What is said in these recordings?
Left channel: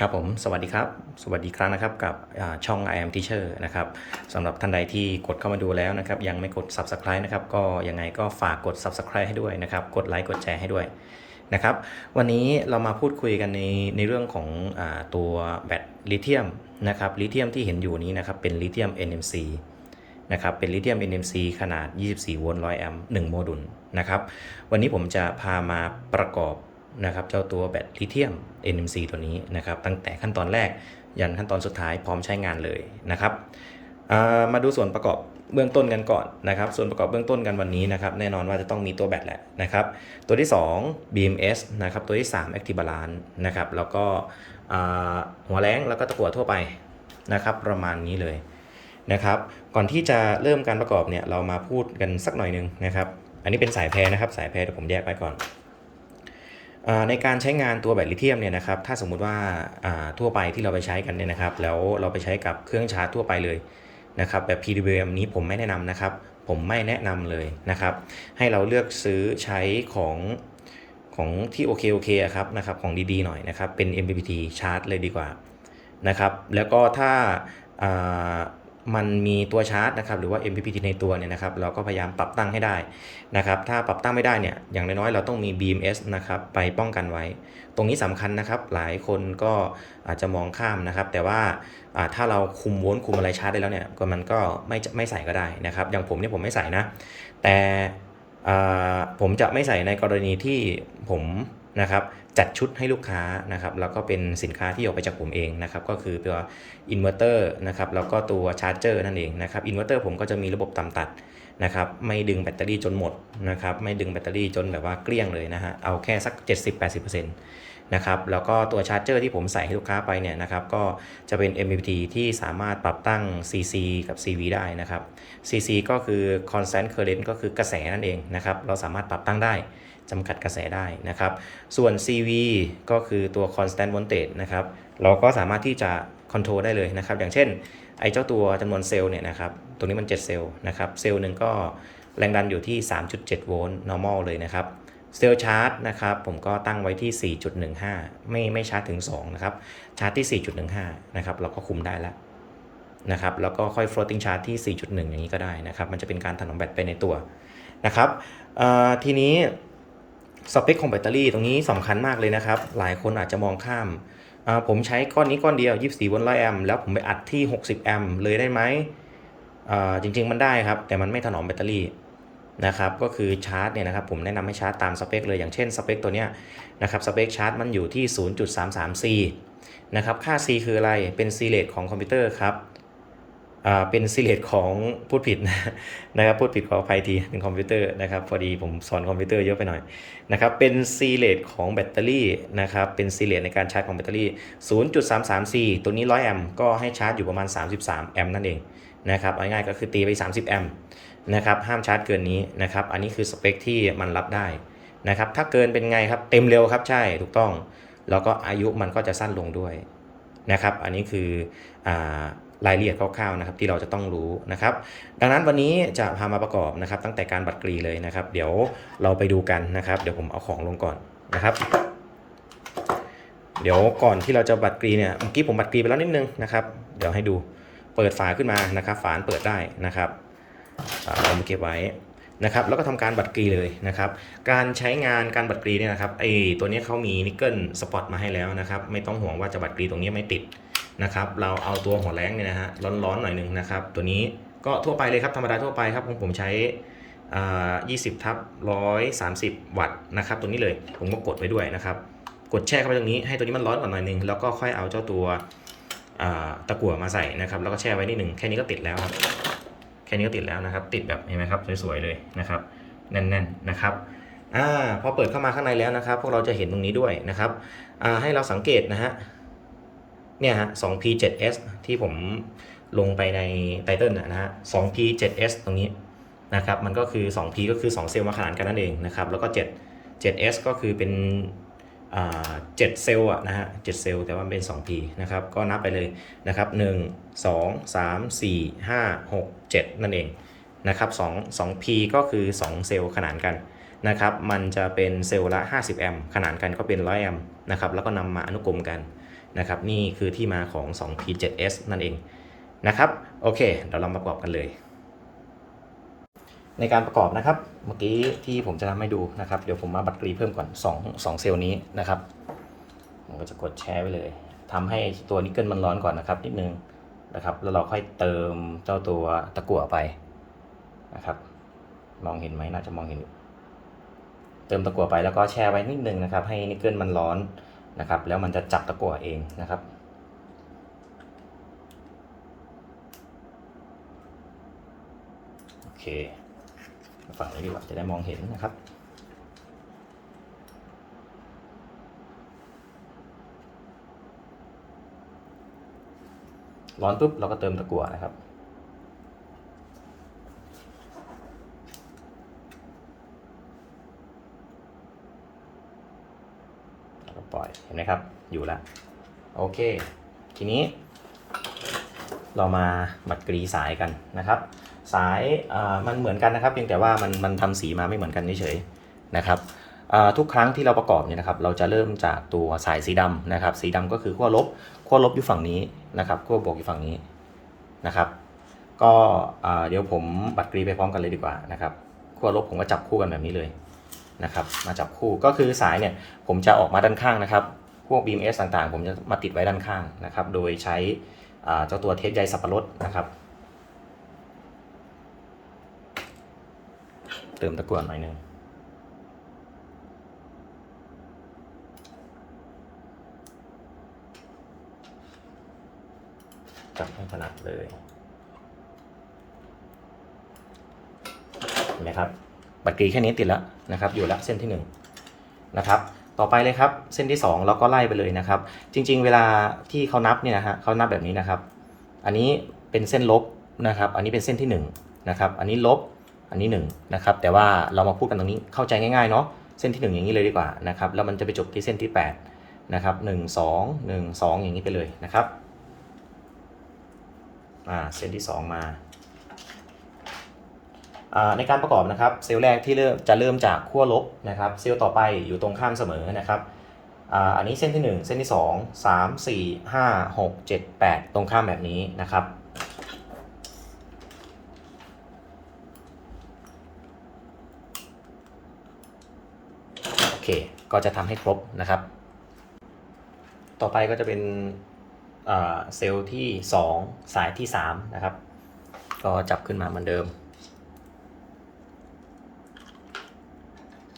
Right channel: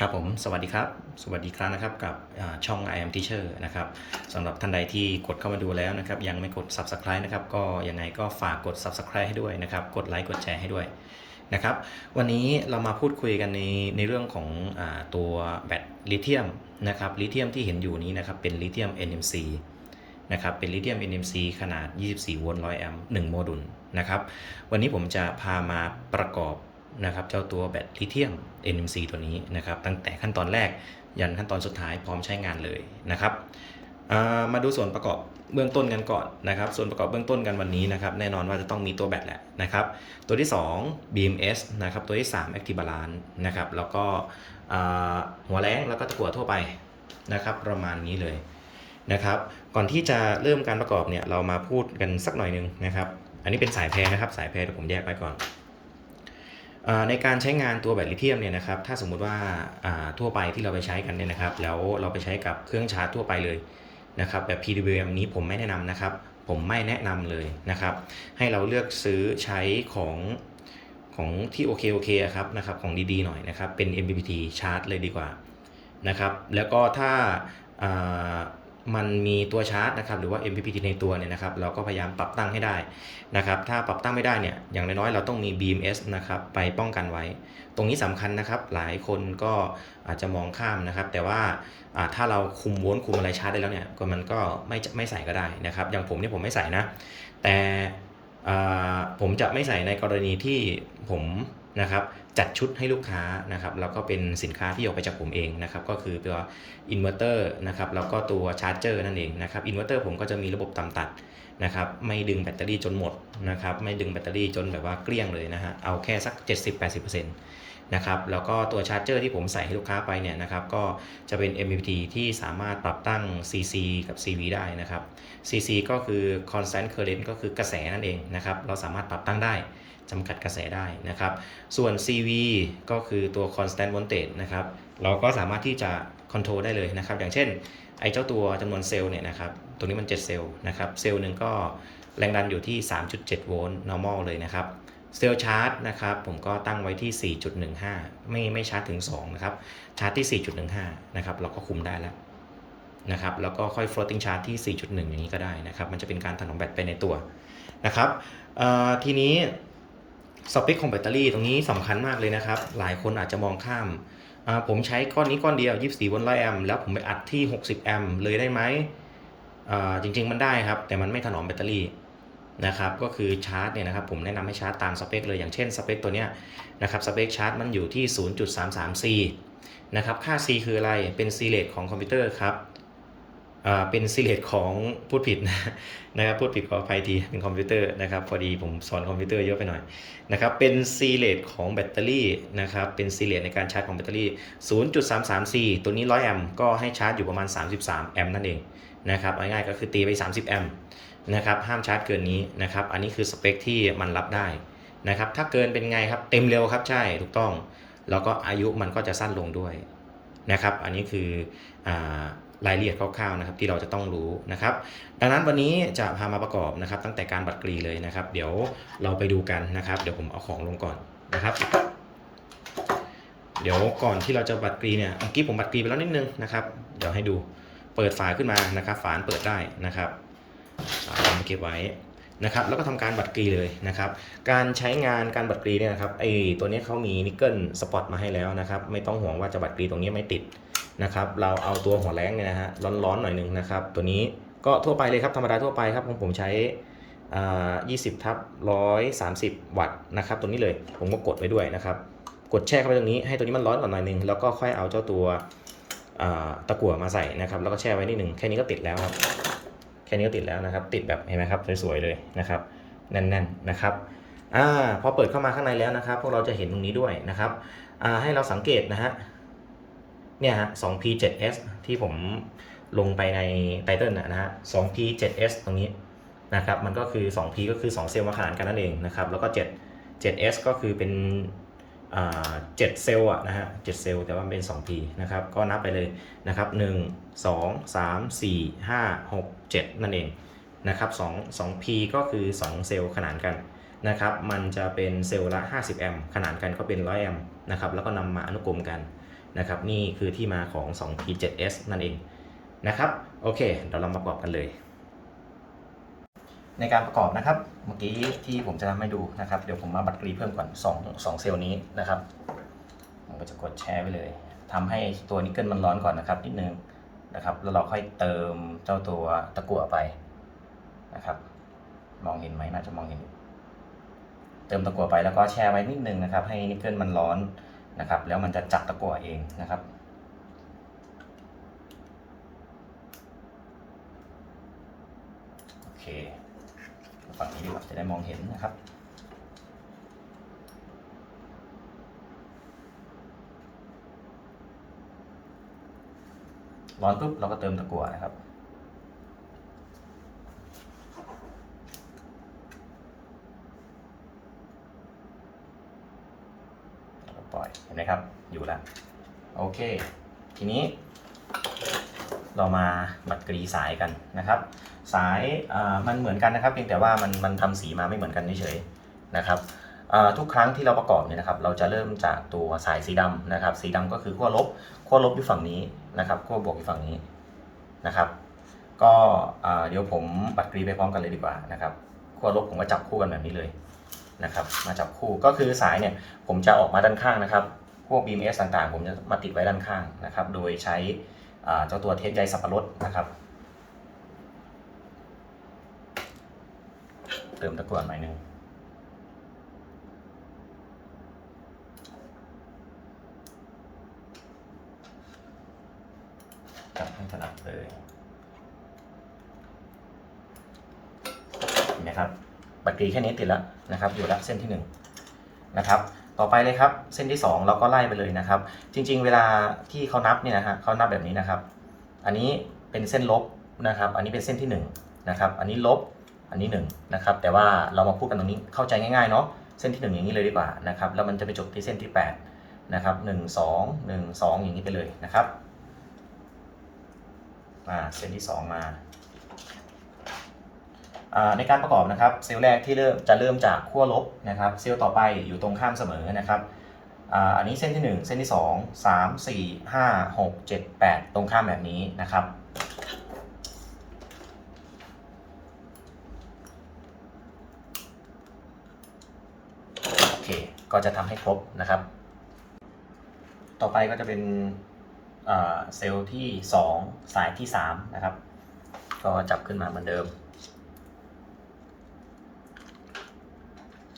ครับผมสวัสดีครับ สวัสดีครั้งนะครับกับอ่าช่อง I am Teacher นะครับสำหรับท่านใดที่กดเข้ามาดูแล้วนะครับยังไม่กด Subscribe นะครับก็ยังไงก็ฝากกด Subscribe ให้ด้วยนะครับกดไลค์กดแชร์ให้ด้วยนะครับวันนี้เรามาพูดคุยกันในในเรื่องของอตัวแบตลิเธียมนะครับลิเธียมที่เห็นอยู่นี้นะครับเป็นลิเธียม NMC นะครับเป็นลิเธียม NMC ขนาด 24 โวลต์ 100 แอมป์ 1 โมดูลนะครับวันนี้ผมจะพามาประกอบ นะครับเจ้าตัวแบตลิเธียม NMC ตัวนี้นะครับตั้งแต่ขั้นตอนแรกยันขั้นตอนสุดท้ายพร้อมใช้งานเลยนะครับามาดูส่วนประกอบเบื้องต้นกันก่อนนะครับ ส่วนประกอบเบื้องต้นกันวันนี้นะครับ แน่นอนว่าจะต้องมีตัวแบตแหละนะครับ ตัวที่ 2 BMS นะครับ ตัวที่ 3 Active Balance นะครับ แล้วก็หัวแรงแล้วก็ตะกั่วทั่วไปนะครับ ประมาณนี้เลยนะครับ ก่อนที่จะเริ่มการประกอบเนี่ย เรามาพูดกันสักหน่อยนึงนะครับ อันนี้เป็นสายแพรนะครับ สายแพรเดี๋ยวผมแยกไว้ก่อน ในการใช้งานตัวแบตลิเธียมเนี่ยนะครับถ้าสมมุติว่าทั่วไปที่เราไปใช้กันเนี่ยนะครับ แล้วเราไปใช้กับเครื่องชาร์จทั่วไปเลยนะครับแบบ PWM นี้ผมไม่แนะนำนะครับ ผมไม่แนะนำเลยนะครับ ให้เราเลือกซื้อใช้ของของที่โอเคโอเคครับนะครับของดีๆหน่อยนะครับเป็น MPPT ชาร์จเลยดีกว่านะครับ แล้วก็ถ้า มันมีตัวชาร์จนะครับหรือว่า MPPT ในตัวเนี่ยนะครับเราก็พยายามปรับตั้งให้ได้นะครับถ้าปรับตั้งไม่ได้เนี่ยอย่างน้อยๆเราต้องมี BMS นะครับไปป้องกันไว้ ตรงนี้สำคัญนะครับหลายคนก็อาจจะมองข้ามนะครับ แต่ว่าถ้าเราคุมโวลต์คุมอะไรชาร์จได้แล้วเนี่ยก็มันก็ไม่ไม่ใส่ก็ได้นะครับอย่างผมเนี่ยผมไม่ใส่นะ แต่ผมจะไม่ใส่ในกรณีที่ผมนะครับ จัดชุดให้ลูกค้านะครับแล้วก็เป็นสินค้าที่ออกไปจากผมเองนะครับก็คือตัวอินเวอร์เตอร์นะครับแล้วก็ตัวชาร์จเจอร์นั่นเองนะครับอินเวอร์เตอร์ผมก็จะมีระบบต่ำตัดนะครับไม่ดึงแบตเตอรี่จนหมดนะครับไม่ดึงแบตเตอรี่จนแบบว่าเกลี้ยงเลยนะฮะเอาแค่สัก 70-80%นะครับแล้วก็ตัวชาร์จเจอร์ที่ผมใส่ให้ลูกค้าไปเนี่ยนะครับก็จะเป็น MPPT ที่สามารถปรับตั้ง CC กับ CV ได้นะครับ CC ก็คือ constant current ก็คือกระแสนั่นเองนะครับเราสามารถปรับตั้งได้ จำกัดกระแสได้นะครับ ส่วน CV ก็คือตัว constant voltage นะครับ เราก็สามารถที่จะ control ได้เลยนะครับ อย่างเช่น ไอ้เจ้าตัวจำนวนเซลล์เนี่ยนะครับตัวนี้มัน 7 เซลล์นะครับ เซลล์หนึ่งก็แรงดันอยู่ที่ 3.7 โวลต์ normal เลยนะครับ เซลล์ชาร์จนะครับ ผมก็ตั้งไว้ที่ 4.15 ไม่ไม่ชาร์จถึง 2 นะครับ ชาร์จที่ 4.15 นะครับ เราก็คุมได้แล้วนะครับ แล้วก็ค่อย floating charge ที่ 4.1 อย่างนี้ก็ได้นะครับ มันจะเป็นการถนอมแบตไปในตัวนะครับทีนี้ สเปคของแบตเตอรี่ตรงนี้สำคัญมากเลยนะครับ หลายคนอาจจะมองข้าม ผมใช้ก้อนนี้ก้อนเดียว 24 โวลต์100แอมป์แล้วผมไปอัดที่ 60 แอมป์เลยได้ไหมจริง ๆ มันได้ครับ แต่มันไม่ถนอมแบตเตอรี่นะครับ ก็คือชาร์จเนี่ยนะครับ ผมแนะนำให้ชาร์จตามสเปคเลยอย่างเช่นสเปคตัวเนี้ยนะครับสเปคชาร์จมันอยู่ที่ 0.33 C นะครับ ค่า C คืออะไร เป็นซีเลตของคอมพิวเตอร์ครับ เป็นซีเลตของพูดผิดนะครับพูดผิดขออภัยทีเป็นคอมพิวเตอร์นะครับพอดีผมสอนคอมพิวเตอร์เยอะไปหน่อยนะครับเป็นซีเลตของแบตเตอรี่นะครับเป็นซีเลตในการชาร์จของแบตเตอรี่ 0.334 ตัวนี้ 100 แอมป์ก็ให้ชาร์จอยู่ประมาณ 33 แอมป์นั่นเองนะครับง่ายๆก็คือตีไป 30 แอมป์นะครับห้ามชาร์จเกินนี้นะครับอันนี้คือสเปคที่มันรับได้นะครับถ้าเกินเป็นไงครับเต็มเร็วครับใช่ถูกต้อง แล้วก็อายุมันก็จะสั้นลงด้วยนะครับอันนี้คืออ่า รายละเอียดคร่าวๆนะครับที่เราจะต้องรู้นะครับ ดังนั้นวันนี้จะพามาประกอบนะครับ ตั้งแต่การบัตรกรีเลยนะครับ เดี๋ยวเราไปดูกันนะครับ เดี๋ยวผมเอาของลงก่อนนะครับ เดี๋ยวก่อนที่เราจะบัตรกรีเนี่ยเมื่อกี้ผมบัตรกรีไปแล้วนิดนึงนะครับ เดี๋ยวให้ดูเปิดฝาขึ้นมานะครับฝานเปิดได้นะครับเอามาเก็บไว้นะครับแล้วก็ทำการบัตรกรีเลยนะครับ การใช้งานการบัตรกรีเนี่ยนะครับไอตัวนี้เขามีนิกเกิลสปอตมาให้แล้วนะครับ ไม่ต้องห่วงว่าจะบัตรกรีตรงนี้ไม่ติด นะครับ เราเอาตัวหัวแรงเนี่ยนะฮะร้อนๆหน่อยหนึ่งนะครับ ตัวนี้ก็ทั่วไปเลยครับธรรมดาทั่วไปครับของผมใช้อ่า20ทับ130วัตต์นะครับตัวนี้เลยผมก็กดไว้ด้วยนะครับ กดแช่เข้าไปตรงนี้ให้ตัวนี้มันร้อนก่อนหน่อยหนึงแล้วก็ค่อยเอาเจ้าตัวตะกั่วมาใส่นะครับ แล้วก็แช่ไว้นิดหนึ่งแค่นี้ก็ติดแล้วครับ แค่นี้ก็ติดแล้วนะครับ ติดแบบเห็นไหมครับสวยๆเลยนะครับแน่นๆนะครับอ่าพอเปิดเข้ามาข้างในแล้วนะครับ พวกเราจะเห็นตรงนี้ด้วยนะครับอ่าให้เราสังเกตนะฮะ เนี่ยฮะ 2P7S ที่ผมลงไปในไตเติลนะฮะ 2P7S ตรงนี้นะครับ มันก็คือ 2P ก็คือ 2 เซลล์มาขนานกันนั่นเองนะครับ แล้วก็ 7 7S ก็คือเป็นอ่า7เซลล์อะนะฮะ7เซลล์แต่ว่าเป็น 2P นะครับ ก็นับไปเลยนะครับ 1 2 3 4 5 6 7 นั่นเองนะครับ2 2P ก็คือ 2 เซลล์ขนานกันนะครับ มันจะเป็นเซลล์ละ 50 แอมป์ขนานกันก็เป็น 100 แอมป์นะครับ แล้วก็นำมาอนุกรมกัน นะครับนี่คือที่มาของ 2P7S นั่นเองนะครับโอเคเดี๋ยวเรามาประกอบกันเลย ในการประกอบนะครับเมื่อกี้ที่ผมจะทำให้ดูนะครับ เดี๋ยวผมมาบัตรกรีเพิ่มก่อน2 2เซลล์นี้นะครับผมก็จะกดแชร์ไว้เลยทำให้ตัวนิกเกิลมันร้อนก่อนนะครับนิดนึงนะครับ แล้วเราค่อยเติมเจ้าตัวตะกั่วไปนะครับ มองเห็นไหมน่าจะมองเห็น เติมตะกั่วไปแล้วก็แช่ไว้นิดนึงนะครับ ให้นิกเกิลมันร้อน นะครับ แล้วมันจะจับตะกั่วเองนะครับ โอเคฝั่งนี้ดีกว่าจะได้มองเห็นนะครับร้อนปุ๊บเราก็เติมตะกั่วนะครับ ปล่อยเห็น ไหมครับ อยู่แล้ว โอเค ทีนี้ เรามาบัดกรีสายกันนะครับ สายมันเหมือนกันนะครับ เพียงแต่ว่ามันมันทำสีมาไม่เหมือนกันเฉยๆนะครับทุกครั้งที่เราประกอบเนี่ยนะครับ เราจะเริ่มจากตัวสายสีดำนะครับ สีดำก็คือขั้วลบขั้วลบอยู่ฝั่งนี้นะครับขั้วบวกอยู่ฝั่งนี้นะครับ ก็เดี๋ยวผมบัดกรีไปพร้อมกันเลยดีกว่านะครับขั้วลบผมก็จับคู่กันแบบนี้เลยนะครับ มาจับคู่ก็คือสายเนี่ยผมจะออกมาด้านข้างนะครับ พวก BMS ต่างๆ ผมจะมาติดไว้ด้านข้างนะครับ โดยใช้เจ้าตัวเทปใยสับปะรดนะครับ เติมตะกั่วหน่อยนึงจับให้ถนัดเลยเห็นไหมครับบัตรกรีแค่นี้ติดแล้วนะครับ อยู่แล้วเส้นที่หนึ่งนะครับ ต่อไปเลยครับ เส้นที่สองเราก็ไล่ไปเลยนะครับ จริง ๆ เวลาที่เขานับเนี่ยนะฮะเขานับแบบนี้นะครับ อันนี้เป็นเส้นลบนะครับ อันนี้เป็นเส้นที่หนึ่งนะครับ อันนี้ลบ อันนี้1นะครับ แต่ว่าเรามาพูดกันตรงนี้เข้าใจง่ายๆเนาะ เส้นที่ 1 อย่างนี้เลยดีกว่านะครับ แล้วมันจะไปจบที่เส้นที่8นะครับ1 2 1 2 อย่างนี้ไปเลยนะครับ อ่า เส้นที่ 2 มา ในการประกอบนะครับเซลล์แรกที่เริ่มจะเริ่มจากขั้วลบนะครับเซลล์ต่อไปอยู่ตรงข้ามเสมอนะครับอันนี้เส้นที่ 1 เส้นที่ 2 3 4 5 6 7 8 ตรงข้ามแบบนี้นะครับโอเคก็จะทำให้ครบนะครับ ต่อไปก็จะเป็นเซลล์ที่ 2 สายที่3นะครับก็จับขึ้นมาเหมือนเดิม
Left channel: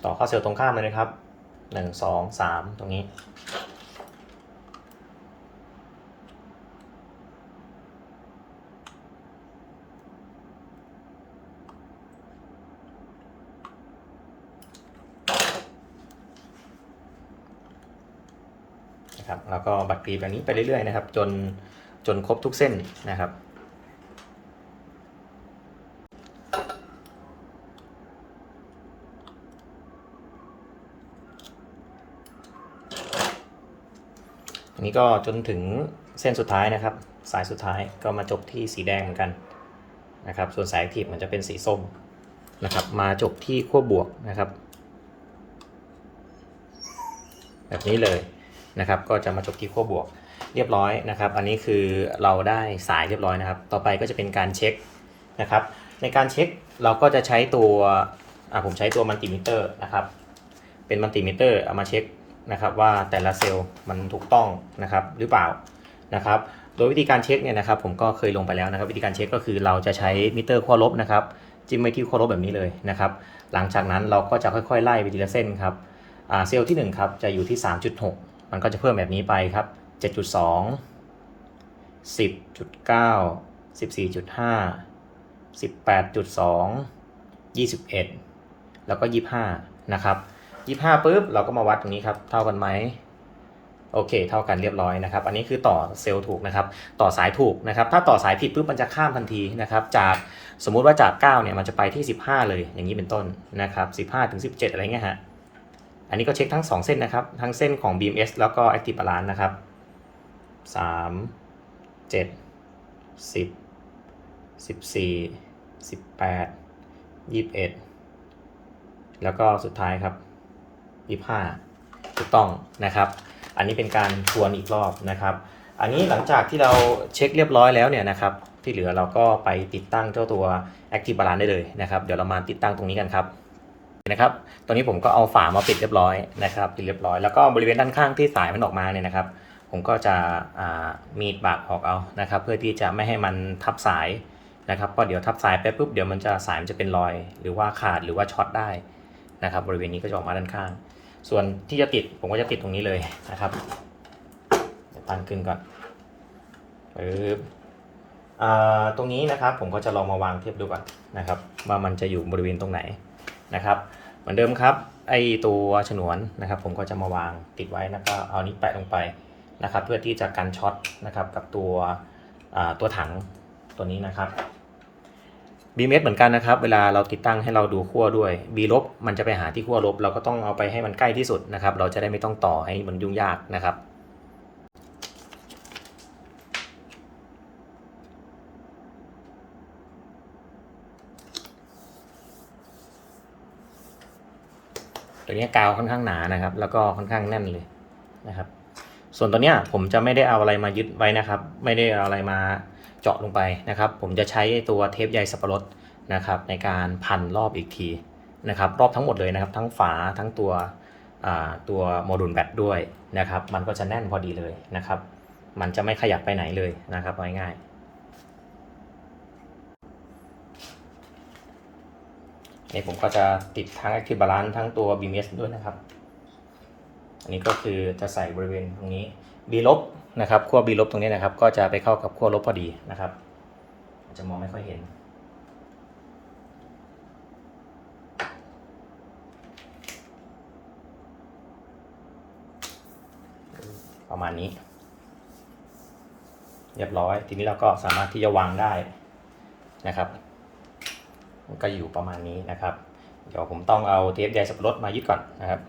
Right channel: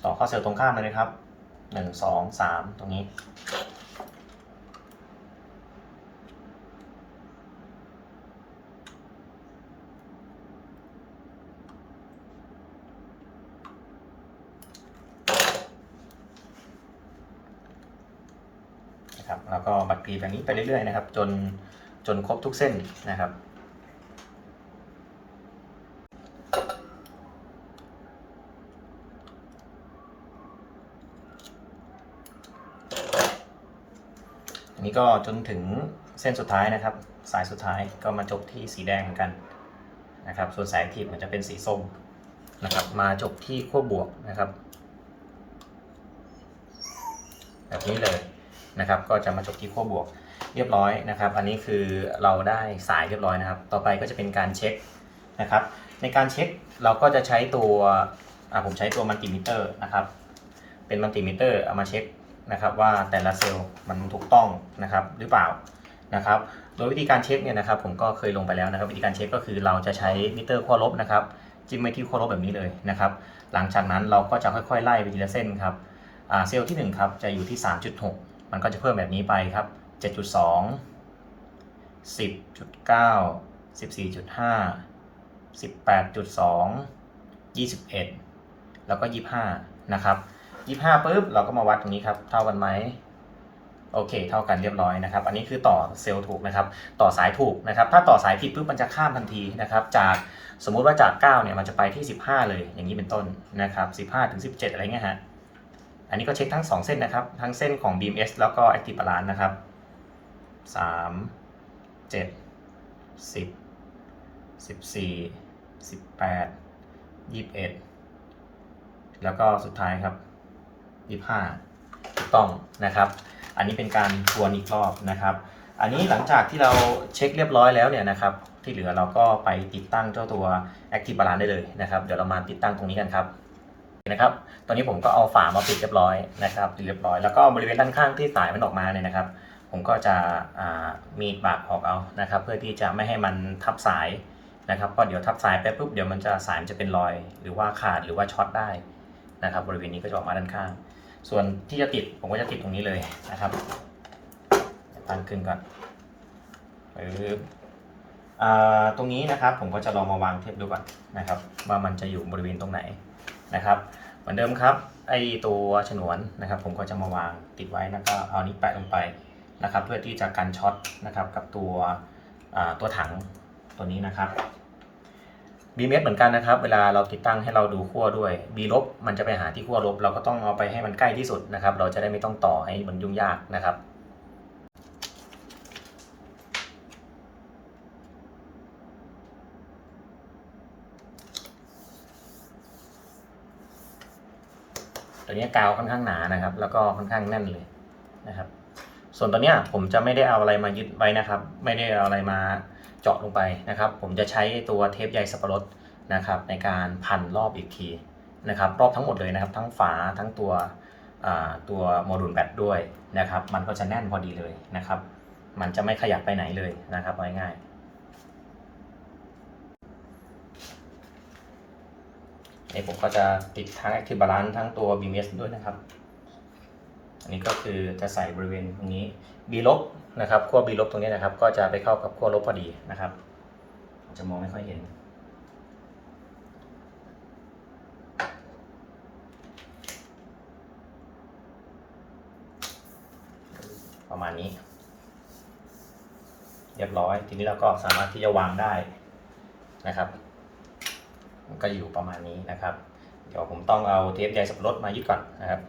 ต่อเข้าเซลล์ตรงข้ามเลยนะครับ1 2 3ตรงนี้ นะครับ แล้วก็บัตรกรีแบบนี้ไปเรื่อยๆนะครับ จนจนครบทุกเส้นนะครับ อั นี้ก็จนถึงเส้นสุดท้ายนะครับ สายสุดท้ายก็มาจบที่สีแดงเหมือนกันนะครับ ส่วนสายแอคทีฟมันจะเป็นสีส้มนะครับ มาจบที่ขั้วบวกนะครับ แบบนี้เลยนะครับ ก็จะมาจบที่ขั้วบวกเรียบร้อยนะครับ อันนี้คือเราได้สายเรียบร้อยนะครับ ต่อไปก็จะเป็นการเช็คนะครับ ในการเช็คเราก็จะใช้ตัวอะผมใช้ตัวมัลติมิเตอร์นะครับ เป็นมัลติมิเตอร์เอามาเช็ค นะครับว่าแต่ละเซลล์มันถูกต้องนะครับหรือเปล่านะครับ โดยวิธีการเช็คเนี่ยนะครับผมก็เคยลงไปแล้วนะครับ วิธีการเช็คก็คือเราจะใช้มิเตอร์ขั้วลบนะครับจิ้มไปที่ขั้วลบแบบนี้เลยนะครับ หลังจากนั้นเราก็จะค่อยๆไล่ไปทีละเส้นครับเซลล์ที่1ครับจะอยู่ที่ 3.6 มันก็จะเพิ่มแบบนี้ไปครับ 7.2 10.9 14.5 18.2 21 แล้วก็ 25 นะครับ 25ปุ๊บเราก็มาวัดตรงนี้ครับ เท่ากันไหมโอเค เท่ากันเรียบร้อยนะครับ อันนี้คือต่อเซลล์ถูกนะครับ ต่อสายถูกนะครับ ถ้าต่อสายผิดปุ๊บมันจะข้ามทันทีนะครับ จากสมมุติว่าจาก 9 เนี่ยมันจะไปที่ 15 เลย อย่างนี้เป็นต้นนะครับ 15 ถึง 17 อะไรเงี้ยฮะ อันนี้ก็เช็คทั้ง 2 เส้นนะครับ ทั้งเส้นของ BMS แล้วก็ Active Balance นะครับ 3 7 10 14 18 21 แล้วก็สุดท้ายครับ 25ถูกต้องนะครับ อันนี้เป็นการทวนอีกรอบนะครับ อันนี้หลังจากที่เราเช็คเรียบร้อยแล้วเนี่ยนะครับ ที่เหลือเราก็ไปติดตั้งเจ้าตัว Active Balance ได้เลยนะครับ เดี๋ยวเรามาติดตั้งตรงนี้กันครับนะครับ ตอนนี้ผมก็เอาฝามาปิดเรียบร้อยนะครับปิดเรียบร้อยแล้วก็บริเวณด้านข้างที่สายมันออกมาเนี่ยนะครับ ผมก็จะมีดบากออกเอานะครับ เพื่อที่จะไม่ให้มันทับสายนะครับก็เดี๋ยวทับสายไปปุ๊บเดี๋ยวมันจะสายมันจะเป็นรอย หรือว่าขาดหรือว่าช็อตได้นะครับ บริเวณนี้ก็จะออกมาด้านข้าง ส่วนที่จะติดผมก็จะติดตรงนี้เลยนะครับตั้งขึ้นก่อนปึ๊บอ่าตรงนี้นะครับผมก็จะลองมาวางเทียบดูก่อนนะครับว่ามันจะอยู่บริเวณตรงไหนนะครับเหมือนเดิมครับไอตัวฉนวนนะครับ ผมก็จะมาวางติดไว้แล้วก็เอานี้แปะลงไปนะครับ เพื่อที่จะกันช็อตนะครับกับตัวตัวถังตัวนี้นะครับ b m s เหมือนกันนะครับ เวลาเราติดตั้งให้เราดูขั้วด้วย b ลบมันจะไปหาที่ขั้วลบ เราก็ต้องเอาไปให้มันใกล้ที่สุดนะครับ เราจะได้ไม่ต้องต่อให้มันยุ่งยากนะครับตัวนี้กาวค่อนข้างหนานะครับ แล้วก็ค่อนข้างแน่นเลยนะครับ ส่วนตัวเนี้ยผมจะไม่ได้เอาอะไรมายึดไว้นะครับ ไม่ได้เอาอะไรมา เจาะลงไปนะครับ ผมจะใช้ตัวเทปใยสับปะรดนะครับในการพันรอบอีกทีนะครับรอบทั้งหมดเลยนะครับ ทั้งฝาทั้งตัวตัวโมดูลแบตด้วยนะครับ มันก็จะแน่นพอดีเลยนะครับ มันจะไม่ขยับไปไหนเลยนะครับไว้ง่ายนี่ผมก็จะติดทั้ง Active Balance ทั้งตัว BMS ด้วยนะครับ อันนี้ก็คือจะใส่บริเวณตรงนี้ B ลบ นะครับขั้ว B ลบตรงนี้นะครับ ก็จะไปเข้ากับขั้วลบพอดีนะครับอาจจะมองไม่ค่อยเห็น ประมาณนี้ เรียบร้อย ทีนี้เราก็สามารถที่จะวางได้นะครับก็อยู่ประมาณนี้นะครับ เดี๋ยวผมต้องเอาเทปใยสับปะรดมายึดก่อนนะครับ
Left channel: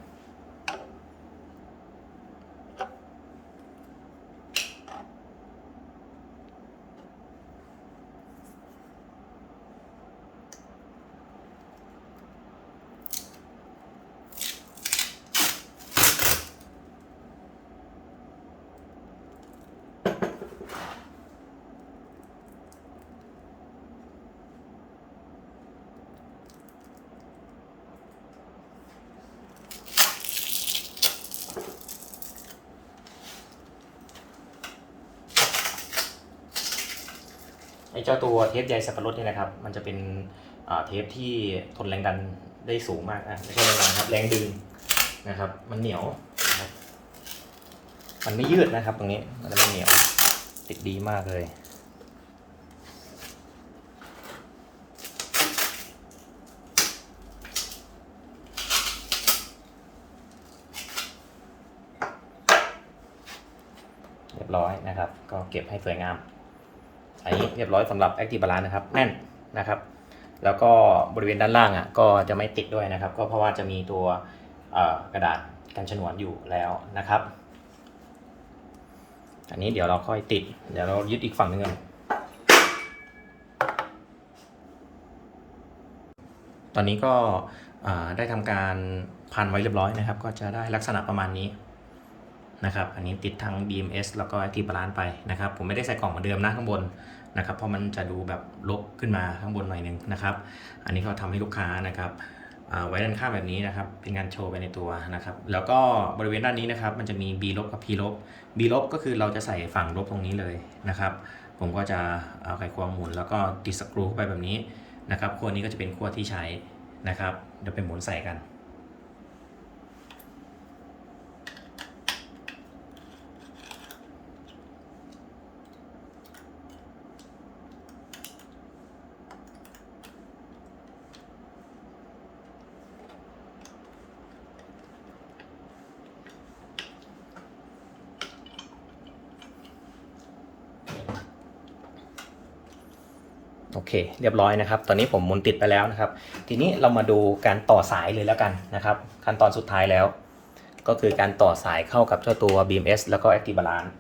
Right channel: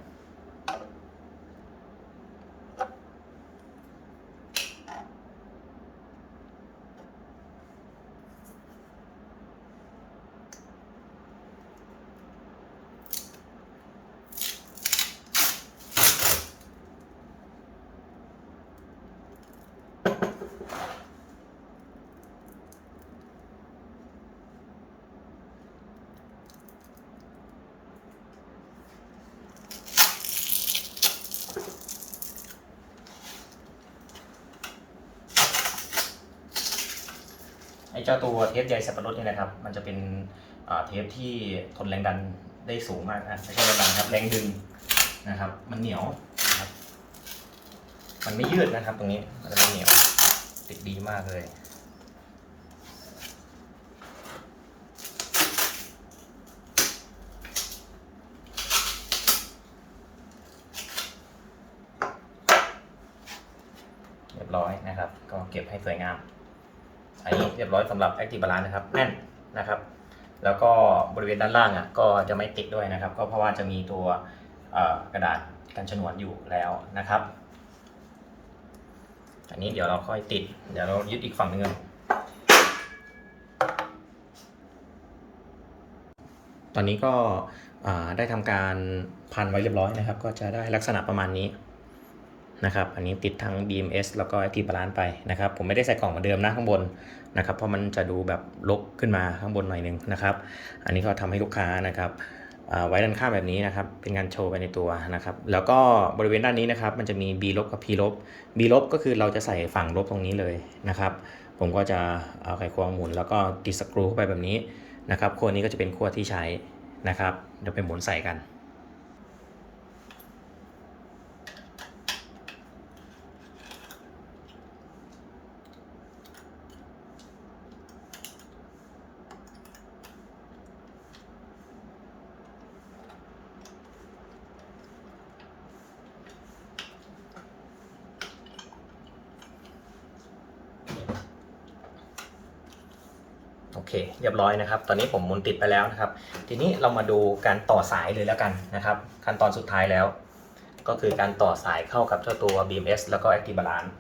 เจ้าตัวเทปใยสับปะรดเนี่ยนะครับ มันจะเป็นเทปที่ทนแรงดันได้สูงมากนะไม่ใช่แรงดันครับแรงดึงนะครับ มันเหนียวนะครับมันไม่ยืดนะครับ ตรงนี้มันไม่เหนียวติดดีมากเลยเรียบร้อยนะครับ ก็เก็บให้สวยงาม อันนี้เรียบร้อยสำหรับ Active Balance นะครับแน่นนะครับ แล้วก็บริเวณด้านล่างอะก็จะไม่ติดด้วยนะครับ ก็เพราะว่าจะมีตัวกระดาษกันฉนวนอยู่แล้วนะครับ อันนี้เดี๋ยวเราค่อยติด เดี๋ยวเรายึดอีกฝั่งหนึงก่อนตอนนี้ก็ได้ทำการพันไว้เรียบร้อยนะครับ ก็จะได้ลักษณะประมาณนี้นะครับ อันนี้ติดทั้ง BMS แล้วก็ Active Balance ไปนะครับ ผมไม่ได้ใส่กล่องเหมือนเดิมนะข้างบน นะครับเพราะมันจะดูแบบลกขึ้นมาข้างบนหน่อยหนึงนะครับ อันนี้ก็ทำให้ลูกค้านะครับไว้ด้านข้างแบบนี้นะครับ เป็นงานโชว์ไปในตัวนะครับ แล้วก็บริเวณด้านนี้นะครับ มันจะมี B ลบกับ P ลบ B ลบก็คือเราจะใส่ฝั่งลบตรงนี้เลยนะครับ ผมก็จะเอาไขควงหมุน แล้วก็ติดสกรูเข้าไปแบบนี้นะครับขั้วนี้ก็จะเป็นขั้วที่ใช้นะครับ เดี๋ยวไปหมุนใส่กัน โอเค เรียบร้อยนะครับ ตอนนี้ผมหมุนติดไปแล้วนะครับ ทีนี้เรามาดูการต่อสายเลยแล้วกันนะครับ ขั้นตอนสุดท้ายแล้ว ก็คือการต่อสายเข้ากับเจ้าตัว BMS แล้วก็ Active Balance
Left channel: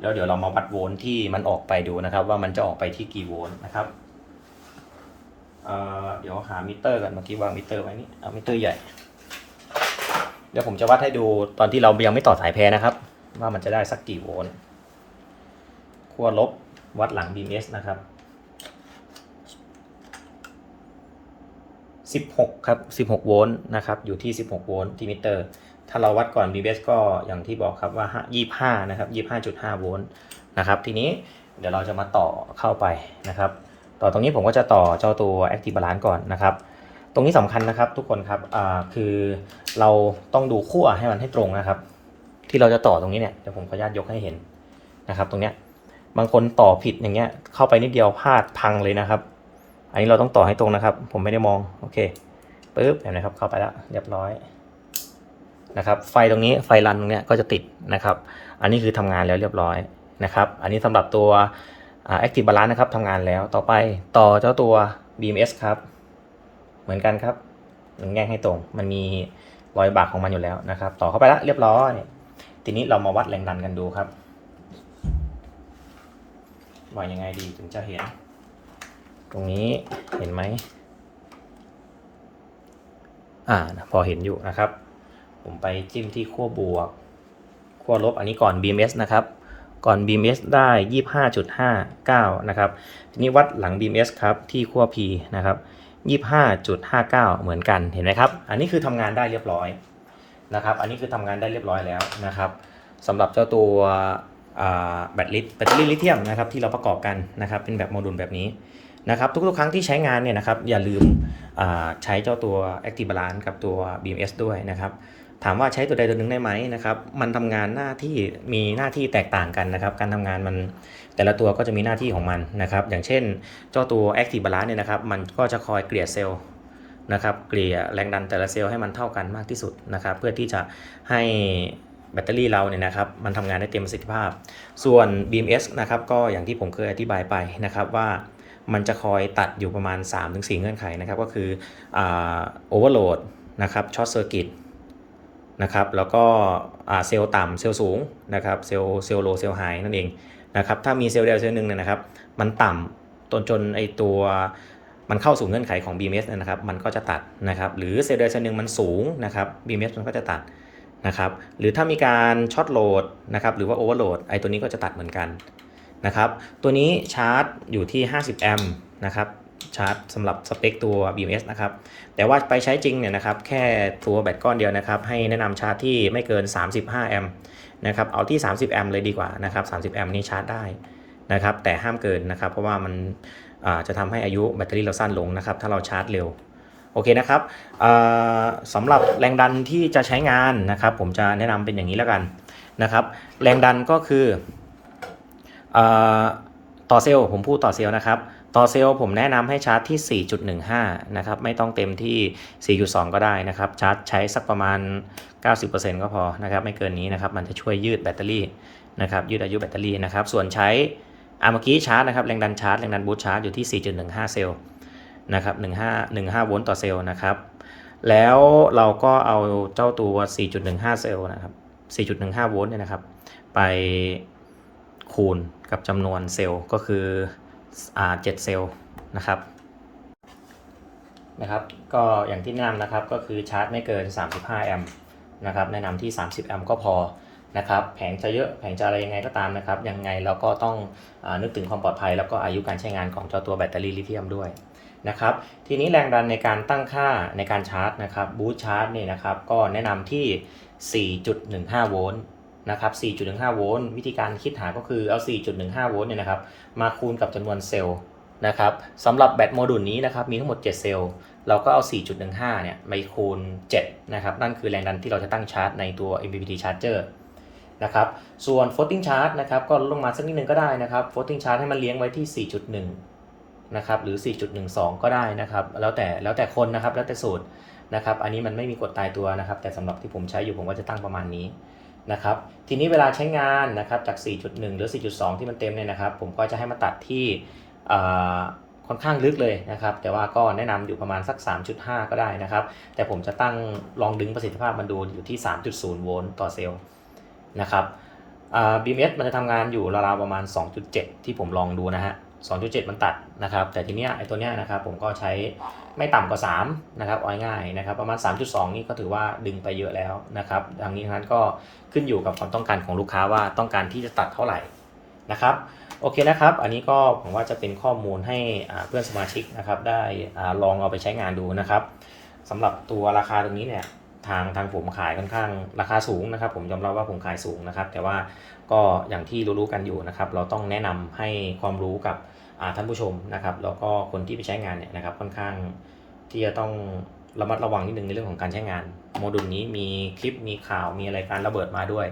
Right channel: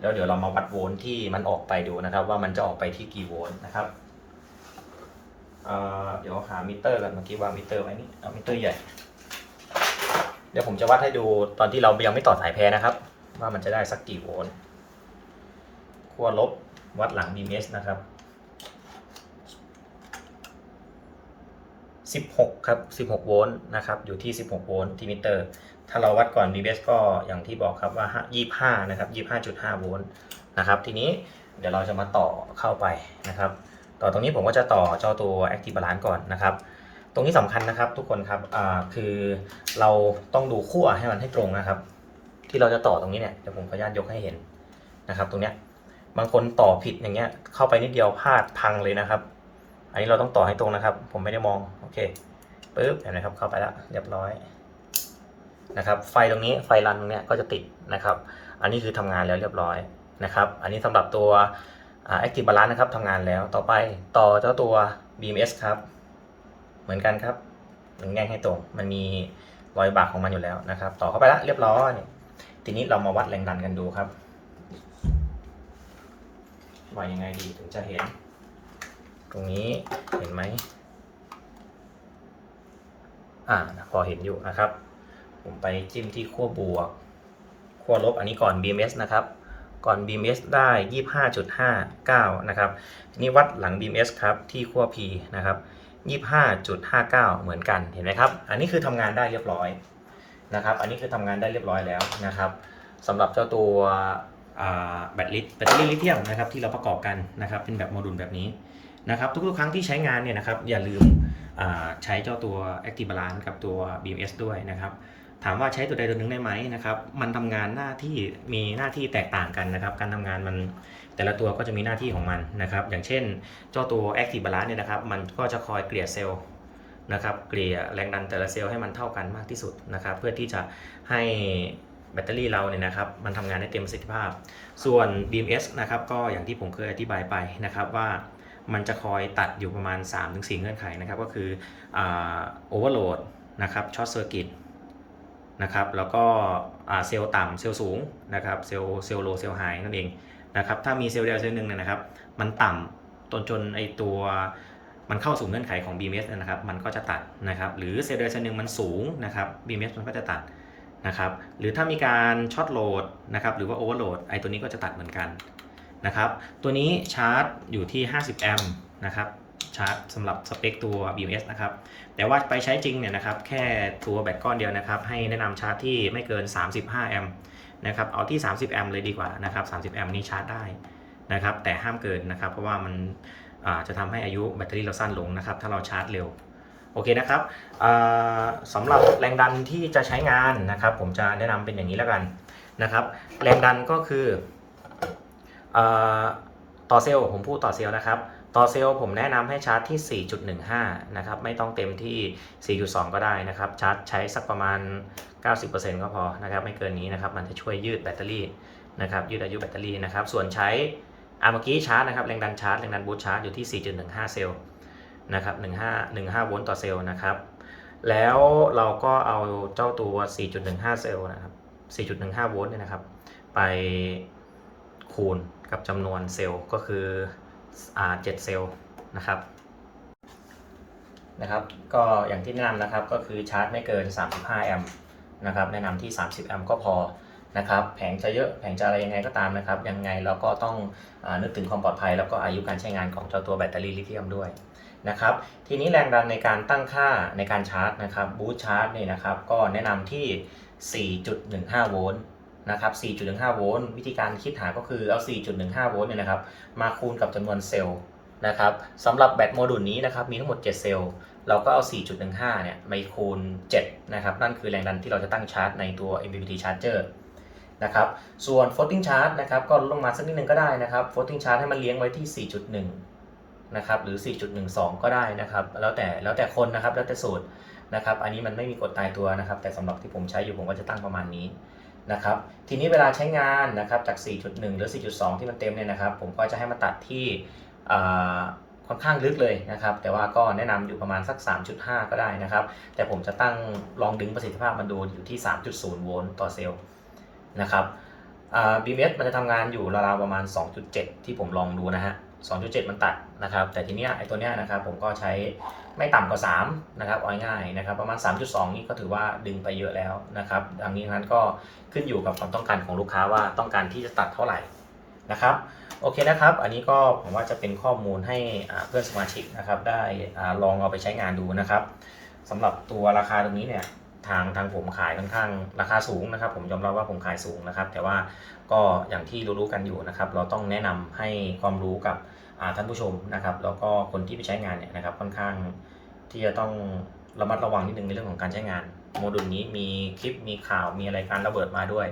แล้วเดี๋ยวเรามาวัดโวลต์ที่มันออกไปดูนะครับ ว่ามันจะออกไปที่กี่โวลต์นะครับเเดี๋ยวหามิเตอร์กันเมื่อกี้วางมิเตอร์ไว้นี่เอามิเตอร์ใหญ่ เดี๋ยวผมจะวัดให้ดูตอนที่เรายังไม่ต่อสายแพรนะครับ ว่ามันจะได้สักกี่โวลต์ขั้วลบวัดหลัง BMS นะครับ 16 ครับ 16 โวลต์นะครับ อยู่ที่ 16 โวลต์ที่มิเตอร์ ถ้าเราวัดก่อน BMS ก็อย่างที่บอกครับว่า 25 นะครับ 25.5 โวลต์นะครับ ทีนี้เดี๋ยวเราจะมาต่อเข้าไปนะครับ ต่อตรงนี้ผมก็จะต่อเจ้าตัว Active Balance ก่อนนะครับ ตรงนี้สำคัญนะครับทุกคนครับคือเราต้องดูขั้วให้มันให้ตรงนะครับ ที่เราจะต่อตรงนี้เนี่ย เดี๋ยวผมขออนุญาตยกให้เห็นนะครับ ตรงเนี้ย บางคนต่อผิดอย่างเงี้ย เข้าไปนิดเดียวพลาดพังเลยนะครับ อันนี้เราต้องต่อให้ตรงนะครับ ผมไม่ได้มอง โอเคปึ๊บเห็นไหมครับ เข้าไปแล้วเรียบร้อยนะครับ ไฟตรงนี้ไฟรันตรงเนี้ยก็จะติดนะครับ อันนี้คือทำงานแล้วเรียบร้อยนะครับ อันนี้สำหรับตัวอ่า Active Balance นะครับทำงานแล้ว ต่อไปต่อเจ้าตัว BMS ครับ เหมือนกันครับมันแง่งให้ตรง มันมีรอยบากของมันอยู่แล้วนะครับ ต่อเข้าไปแล้วเรียบร้อย ทีนี้เรามาวัดแรงดันกันดูครับว่ายังไงดีถึงจะเห็น รงนี้เห็นไหมอ่าพอเห็นอยู่นะครับ ผมไปจิ้มที่ขั้วบวกขั้วลบอันนี้ก่อน BMS นะครับ ก่อน BMS ได้ 25.59 นะครับ ทีนี้วัดหลัง BMS ครับ ที่ขั้ว P นะครับ 25.59 เหมือนกันเห็นไหมครับ อันนี้คือทำงานได้เรียบร้อยนะครับ อันนี้คือทำงานได้เรียบร้อยแล้วนะครับสำหรับเจ้าตัวแบตลิแบตเตอรี่ลิเธียมนะครับที่เราประกอบกันนะครับ เป็นแบบโมดูลแบบนี้ นะครับทุกๆครั้งที่ใช้งานเนี่ยนะครับอย่าลืมใช้เจ้าตัว Active Balance กับตัว BMS ด้วยนะครับถามว่าใช้ตัวใดตัวหนึ่งได้ไหมนะครับมันทำงานหน้าที่มีหน้าที่แตกต่างกันนะครับการทำงานมันแต่ละตัวก็จะมีหน้าที่ของมันนะครับอย่างเช่นเจ้าตัว Active Balance เนี่ยนะครับมันก็จะคอยเกลี่ยเซลล์นะครับเกลี่ยแรงดันแต่ละเซลล์ให้มันเท่ากันมากที่สุดนะครับเพื่อที่จะให้แบตเตอรี่เราเนี่ยนะครับมันทำงานได้เต็มประสิทธิภาพ ส่วน BMS นะครับก็อย่างที่ผมเคยอธิบายไปนะครับว่า มันจะคอยตัดอยู่ประมาณ 3-4 เงื่อนไขนะครับก็คือโอเวอร์โหลดนะครับช็อตเซอร์กิตนะครับแล้วก็เซลล์ต่ำเซลล์สูงนะครับเซลล์เซลล์โลเซลล์ไฮนั่นเองนะครับถ้ามีเซลล์ใดเซลล์หนึ่งเนี่ยนะครับมันต่ำจนจนไอตัวมันเข้าสู่เงื่อนไขของ BMS นะครับมันก็จะตัดนะครับหรือเซลล์ใดเซลล์หนึ่งมันสูงนะครับ BMS มันก็จะตัดนะครับหรือถ้ามีการช็อตโหลดนะครับหรือว่าโอเวอร์โหลดไอตัวนี้ก็จะตัดเหมือนกัน นะครับ ตัวนี้ชาร์จอยู่ที่ 50 แอมป์นะครับชาร์จสำหรับสเปคตัว BMS นะครับ แต่ว่าไปใช้จริงเนี่ยนะครับ แค่ตัวแบตก้อนเดียวนะครับ ให้แนะนำชาร์จที่ไม่เกิน 35 แอมป์นะครับ เอาที่ 30 แอมป์เลยดีกว่านะครับ 30 แอมป์นี่ชาร์จได้นะครับ แต่ห้ามเกินนะครับ เพราะว่ามันจะทำให้อายุแบตเตอรี่เราสั้นลงนะครับ ถ้าเราชาร์จเร็ว โอเคนะครับสำหรับแรงดันที่จะใช้งานนะครับ ผมจะแนะนำเป็นอย่างนี้แล้วกันนะครับ แรงดันก็คือ ต่อเซลล์ผมพูดต่อเซลล์นะครับ ต่อเซลล์ผมแนะนำให้ชาร์จที่ 4.15 นะครับ ไม่ต้องเต็มที่ 4.2 ก็ได้นะครับ ชาร์จใช้สักประมาณ 90%ก็พอนะครับ ไม่เกินนี้นะครับ มันจะช่วยยืดแบตเตอรี่นะครับ ยืดอายุแบตเตอรี่นะครับ ส่วนใช้อาเมื่อกี้ชาร์จนะครับ แรงดันชาร์จ แรงดันบูสต์ชาร์จอยู่ที่ 4.15 เซลล์นะครับ 15 15 โวลต์ต่อเซลล์นะครับ แล้วเราก็เอาเจ้าตัว 4.15 เซลล์นะครับ 4.15 โวลต์เนี่ยนะครับ ไป คูณกับจำนวนเซลล์ก็คืออ7เซลล์นะครับนะครับ ก็อย่างที่แนะนำนะครับก็คือชาร์จไม่เกิน 35 แอมป์นะครับแนะนำที่ 30 แอมป์ก็พอนะครับแผงจะเยอะแผงจะอะไรยังไงก็ตามนะครับ ยังไงเราก็ต้องอนึกถึงความปลอดภัย แล้วก็อายุการใช้งานของเจ้าตัวแบตเตอรี่ลิเธียมด้วยนะครับทีนี้แรงดันในการตั้งค่าในการชาร์จนะครับบูตชาร์จเนี่ยนะครับก็แนะนำที่ 4.15 โวลต์ นะครับ 4.15 โวลต์ วิธีการคิดหาก็คือเอา 4.15 โวลต์เนี่ยนะครับ มาคูณกับจำนวนเซลล์นะครับสำหรับแบตโมดูลนี้นะครับ มีทั้งหมด 7 เซลล์ เราก็เอา 4.15 เนี่ยไปคูณ 7 นะครับ นั่นคือแรงดันที่เราจะตั้งชาร์จในตัว MPPT charger นะครับ ส่วน floating charge นะครับ ก็ลดลงมาสักนิดนึงก็ได้นะครับ floating charge ให้มันเลี้ยงไว้ที่ 4.1 นะครับ หรือ 4.12 ก็ได้นะครับ แล้วแต่ แล้วแต่คนนะครับ แล้วแต่สูตรนะครับ อันนี้มันไม่มีกฎตายตัวนะครับ แต่สำหรับที่ผมใช้อยู่ผมก็จะตั้งประมาณนี้ นะครับทีนี้เวลาใช้งานนะครับจาก 4.1 หรือ 4.2 ที่มันเต็มเนี่ยนะครับ ผมก็จะให้มาตัดที่ค่อนข้างลึกเลยนะครับ แต่ว่าก็แนะนำอยู่ประมาณสัก 3.5 ก็ได้นะครับ แต่ผมจะตั้งลองดึงประสิทธิภาพมันดูอยู่ที่ 3.0 โวลต์ต่อเซลล์นะครับอ่า BMS มันจะทำงานอยู่ราวๆประมาณ 2.7 ที่ผมลองดูนะฮะ 2.7 มันตัด นะครับแต่ทีเนี้ยไอ้ตัวเนี้ยนะครับผมก็ใช้ไม่ต่ำกว่า3นะครับเอาง่ายนะครับประมาณ 3.2 นี่ก็ถือว่าดึงไปเยอะแล้วนะครับดังนี้นั้นก็ขึ้นอยู่กับความต้องการของลูกค้าว่าต้องการที่จะตัดเท่าไหร่นะครับโอเคนะครับ อันนี้ก็ผมว่าจะเป็นข้อมูลให้เพื่อนสมาชิกนะครับได้ลองเอาไปใช้งานดูนะครับสำหรับตัวราคาตรงนี้เนี่ยทางทางผมขายค่อนข้างราคาสูงนะครับ ผมยอมรับว่าผมขายสูงนะครับ แต่ว่าก็อย่างที่รู้ๆกันอยู่นะครับ เราต้องแนะนำให้ความรู้กับ ท่านผู้ชมนะครับแล้วก็คนที่ไปใช้งานเนี่ยนะครับค่อนข้างที่จะต้องระมัดระวังนิดนึงในเรื่องของการใช้งาน โมดูลนี้มีคลิปมีข่าวมีอะไรการระเบิดมาด้วย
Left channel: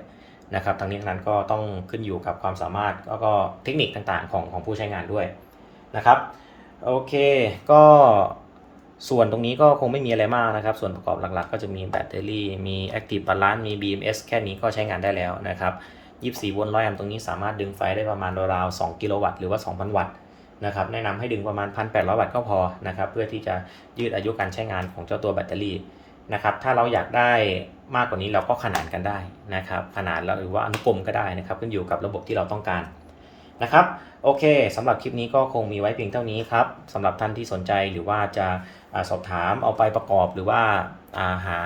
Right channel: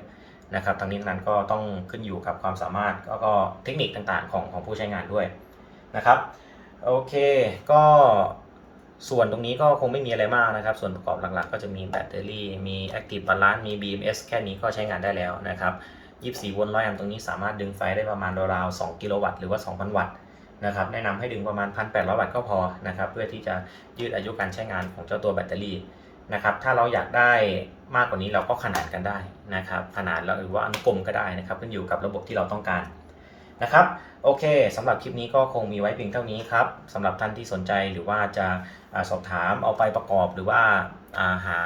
นะครับทั้งนี้ทั้งนั้นก็ต้องขึ้นอยู่กับความสามารถแล้วก็เทคนิคต่างๆของของผู้ใช้งานด้วยนะครับโอเคก็ส่วนตรงนี้ก็คงไม่มีอะไรมากนะครับ ส่วนประกอบหลักๆ ก็จะมีแบตเตอรี่มี Active Balance มี BMS แค่นี้ก็ใช้งานได้แล้วนะครับ 24 โวลต์100แอมป์ตรงนี้สามารถดึงไฟได้ประมาณราวๆ2กิโลวัตต์หรือว่า 2,000 วัตต์ นะครับแนะนำให้ดึงประมาณ 1,800 วัตต์ก็พอนะครับเพื่อที่จะยืดอายุการใช้งานของเจ้าตัวแบตเตอรี่นะครับถ้าเราอยากได้มากกว่านี้เราก็ขนานกันได้นะครับขนาดแล้วหรือว่าอนุกรมก็ได้นะครับขึ้นอยู่กับระบบที่เราต้องการนะครับโอเคสำหรับคลิปนี้ก็คงมีไว้เพียงเท่านี้ครับสำหรับท่านที่สนใจหรือว่าจะสอบถามเอาไปประกอบหรือว่าอาหา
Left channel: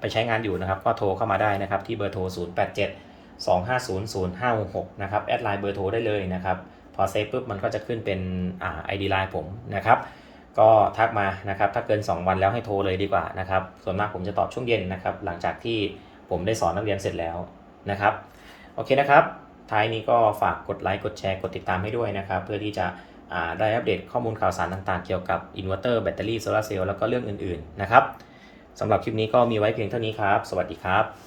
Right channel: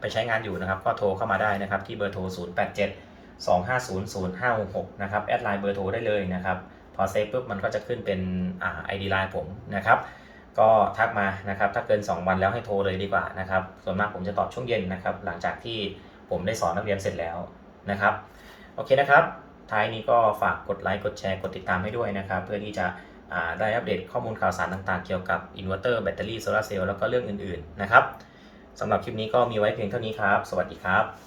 ไปใช้งานอยู่นะครับ ก็โทรเข้ามาได้นะครับที่เบอร์โทร 087 250 0566 นะครับแอดไลน์เบอร์โทรได้เลยนะครับ พอเซฟปุ๊บมันก็จะขึ้นเป็นอ่า ID ไลน์ผมนะครับ ก็ทักมานะครับ ถ้าเกิน 2 วันแล้วให้โทรเลยดีกว่านะครับ ส่วนมากผมจะตอบช่วงเย็นนะครับ หลังจากที่ผมได้สอนนักเรียนเสร็จแล้วนะครับ โอเคนะครับ ท้ายนี้ก็ฝากกดไลค์ กดแชร์ กดติดตามให้ด้วยนะครับ เพื่อที่จะอ่าได้อัปเดตข้อมูลข่าวสารต่างๆ เกี่ยวกับอินเวอร์เตอร์แบตเตอรี่โซลาร์เซลล์แล้วก็เรื่องอื่นๆนะครับสำหรับคลิปนี้ก็มีไว้เพียงเท่านี้ครับ สวัสดีครับ